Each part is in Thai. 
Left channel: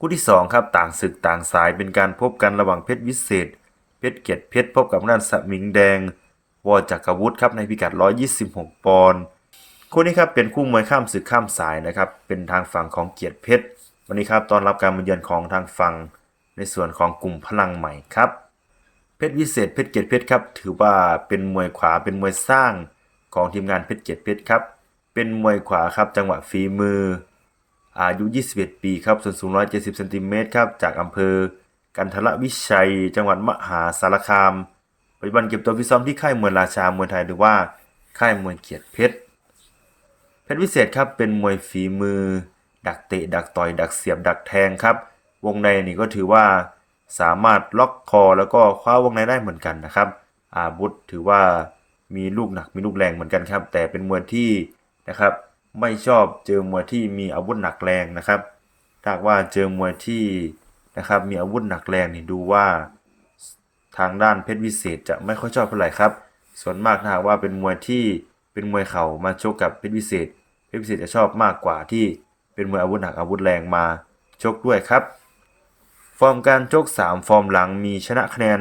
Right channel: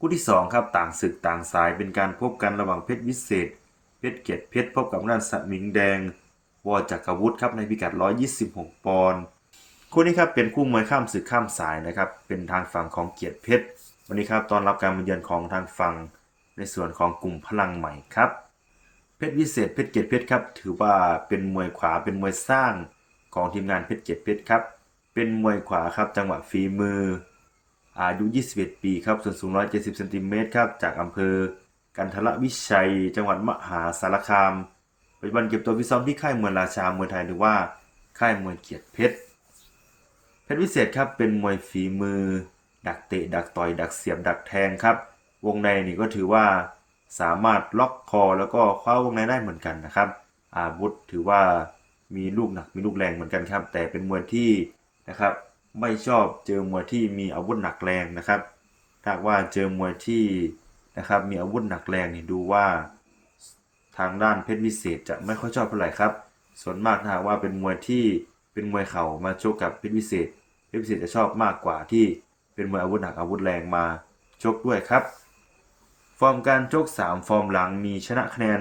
คู่ที่ 2 ครับต่างศึกต่างสายเป็นการพบกันระหว่างเพชรวิเศษ เพชรเกียรติเพชรพบกับด้านสมิงแดง วอจักรวุฒิครับในพิกัด 126 ปอนด์คู่นี้ครับเป็นคู่มวยข้ามศึกข้ามสายนะครับเป็นทางฝั่งของเกียรติเพชรวันนี้ครับตอนรับการมาเยือนของทางฝั่งในส่วนของกลุ่มพลังใหม่ครับเพชรวิเศษเพชรเกียรติเพชรครับถือว่าเป็นมวยขวาเป็นมวยสร้างของทีมงานเพชรเกียรติเพชรครับเป็นมวยขวาครับจังหวะฝีมือ อายุ 21 ปีครับ ส่วนสูง 170 เซนติเมตรครับ จากอำเภอ กันทรวิชัย จังหวัดมหาสารคาม ปัจจุบันเก็บตัวฟิตซ้อมที่ค่ายมวยราชามวยไทยหรือว่าค่ายมวยเกียรติเพชร เพชรวิเศษครับ เป็นมวยฝีมือ ดักเตะ ดักต่อย ดักเสียบ ดักแทงครับ วงในนี่ก็ถือว่าสามารถล็อกคอแล้วก็คว้าวงในได้เหมือนกันนะครับ อาวุธถือว่ามีลูกหนักมีลูกแรงเหมือนกันครับ แต่เป็นมวยที่นะครับ ไม่ชอบเจอมวยที่มีอาวุธหนักแรงนะครับถ้าว่าเจอมวยที่นะครับมีอาวุธหนักแรงนี่ดูว่า ทางด้านเพชรวิเศษจะไม่ค่อยชอบเท่าไหร่ครับ ส่วนมากถ้าหากว่าเป็นมวยที่เป็นมวยเข่ามาชกกับเพชรวิเศษ เพชรวิเศษจะชอบมากกว่าที่เป็นมวยอาวุธหนักอาวุธแรงมาชกด้วยครับ ฟอร์มการชก 3 ฟอร์มหลังมีชนะคะแนน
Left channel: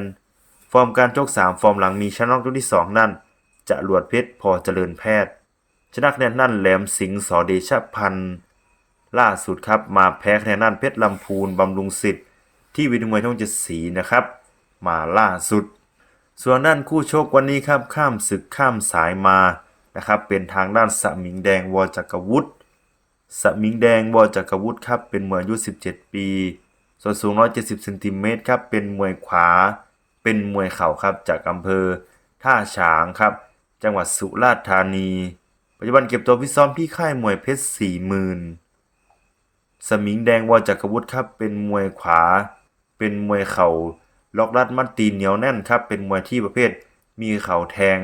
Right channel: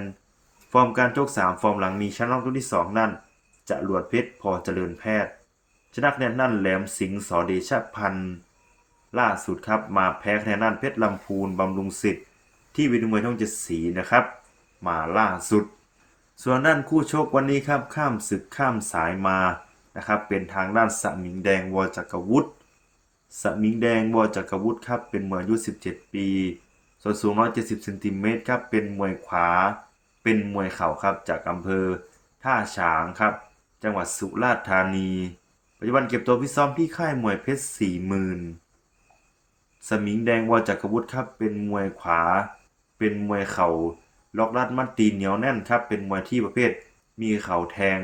ฟอร์มการชก 3 ฟอร์มหลังมีชนะน็อกยกที่ 2 นั่น จะหลวดเพชรพอเจริญแพทย์ ชนะคะแนนนั่นแหลมสิงห์สอเดชพันธ์ล่าสุดครับมาแพ้คะแนนนั่นเพชรลำพูนบำรุงสิทธิ์ที่วิทยมวยช่องเจ็ดสีนะครับ มาล่าสุด ส่วนด้านคู่ชกวันนี้ครับข้ามศึกข้ามสายมานะครับเป็นทางด้านสมิงแดงวอจักรวุฒิสมิงแดงวอจักรวุฒิครับเป็นมวยอายุ 17 ปี ส่วนสูง 170เซนติเมตรครับเป็นมวยขวา เป็นมวยเข่าครับจากอำเภอท่าฉางครับ จังหวัดสุราษฎร์ธานี ปัจจุบันเก็บตัวฟิซ้อมที่ค่ายมวยเพชรสี่หมื่นสมิงแดงวอจักรวุฒิครับ เป็นมวยขวา เป็นมวยเข่าล็อกรัดมัดตีนเหนียวแน่นครับ เป็นมวยที่ประเภท มีเข่าแทง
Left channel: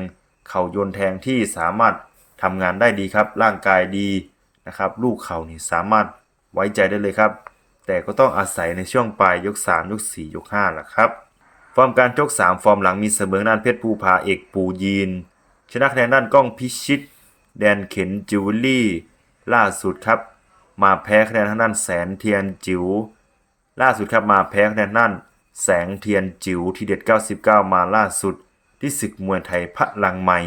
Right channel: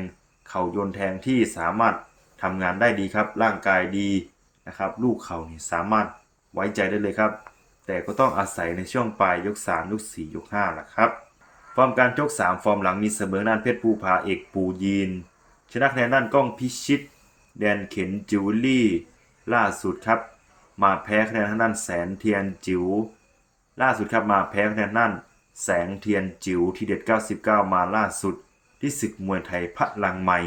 เข่าโยนแทงที่สามารถทำงานได้ดีครับ ร่างกายดีนะครับ ลูกเข่านี่สามารถไว้ใจได้เลยครับ แต่ก็ต้องอาศัยในช่วงปลายยก 3 ยก 4 ยก5แหละครับ ฟอร์มการชก3ฟอร์มหลังมีเสมอด้านเพชรภูผาเอกปูยีน ชนะคะแนนด้านก้องพิชิต แดนเข็นจิวเวลรี่ล่าสุดครับ มาแพ้คะแนนทางด้านแสนเทียนจิ๋วล่าสุดครับมาแพ้คะแนนด้านแสงเทียนจิ๋วทีเด็ด 99 มาล่าสุด ที่ศึกมวยไทยพลังใหม่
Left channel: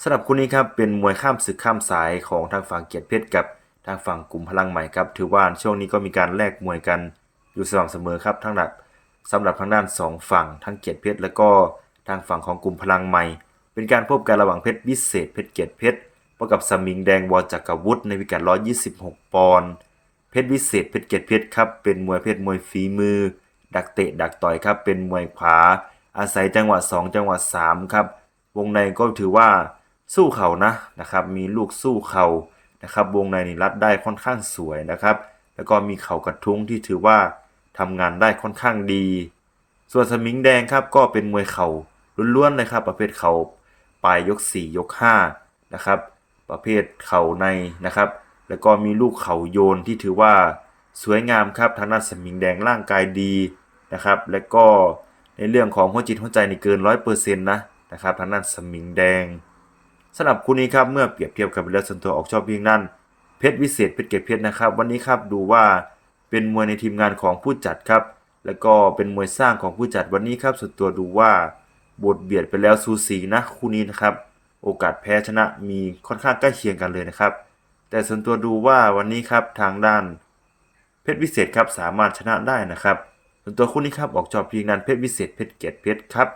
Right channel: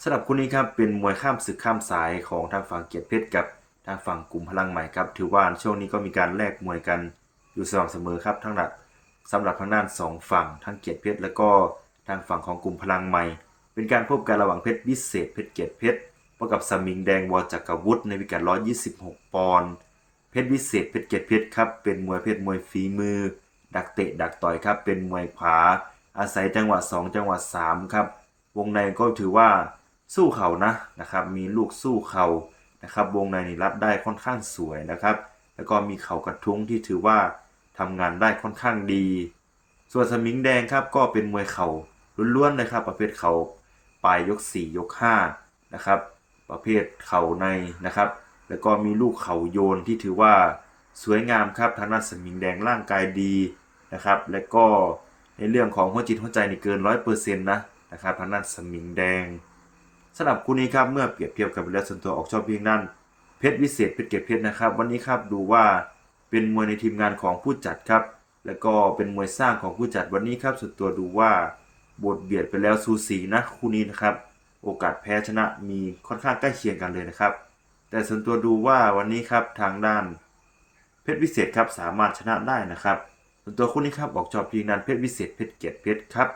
สำหรับคู่นี้ครับเป็นมวยข้ามศึกข้ามสายของทางฝั่งเกียรติเพชรกับทางฝั่งกลุ่มพลังใหม่ครับถือว่าช่วงนี้ก็มีการแลกมวยกันอยู่สม่ำเสมอครับทั้งหลักสำหรับทางด้านสองฝั่งทั้งเกียรติเพชรแล้วก็ทางฝั่งของกลุ่มพลังใหม่ เป็นการพบกันระหว่างเพชรวิเศษเพชรเกียรติเพชร พบกับสมิงแดงวอจักรวุฒิในพิกัด 126 ปอนด์ เพชรวิเศษเพชรเกียรติเพชรครับ เป็นมวยเพชรมวยฝีมือ ดักเตะดักต่อยครับ เป็นมวยขวา อาศัยจังหวะ 2 จังหวะ 3 ครับ วงในก็ถือว่าสู้เข่านะนะครับ มีลูกสู้เข่านะครับ วงในนี่รัดได้ค่อนข้างสวยนะครับ แล้วก็มีเข่ากระทุ้งที่ถือว่าทำงานได้ค่อนข้างดี ส่วนสมิงแดงครับก็เป็นมวยเข่าล้วนๆนะครับ ประเภทเข่าปลายยก 4 ยก5นะครับ ประเภทเข่าในนะครับ แล้วก็มีลูกเข่าโยนที่ถือว่าสวยงามครับทางด้านสมิงแดงร่างกายดีนะครับ และก็ในเรื่องของหัวจิตหัวใจนี่เกิน100%นนะนะครับทางด้านสมิงแดงสำหรับคู่นี้ครับเมื่อเปรียบเทียบกับเวลส่วนตัวออกชอบเพียงนั้นเพชรวิเศษเพชรเกตเพชรนะครับ วันนี้ครับดูว่าเป็นมวยในทีมงานของผู้จัดครับ แล้วก็เป็นมวยสร้างของผู้จัดวันนี้ครับส่วนตัวดูว่าบทเบียดไปแล้วสูสีนะคู่นี้นะครับ โอกาสแพ้ชนะมีค่อนข้างใกล้เคียงกันเลยนะครับ แต่ส่วนตัวดูว่าวันนี้ครับทางด้าน เพชรวิเศษครับสามารถชนะได้นะครับส่วนตัวคู่นี้ครับออกจอบเพียงนั้นเพชรวิเศษเพชรเกียรติเพชรครับ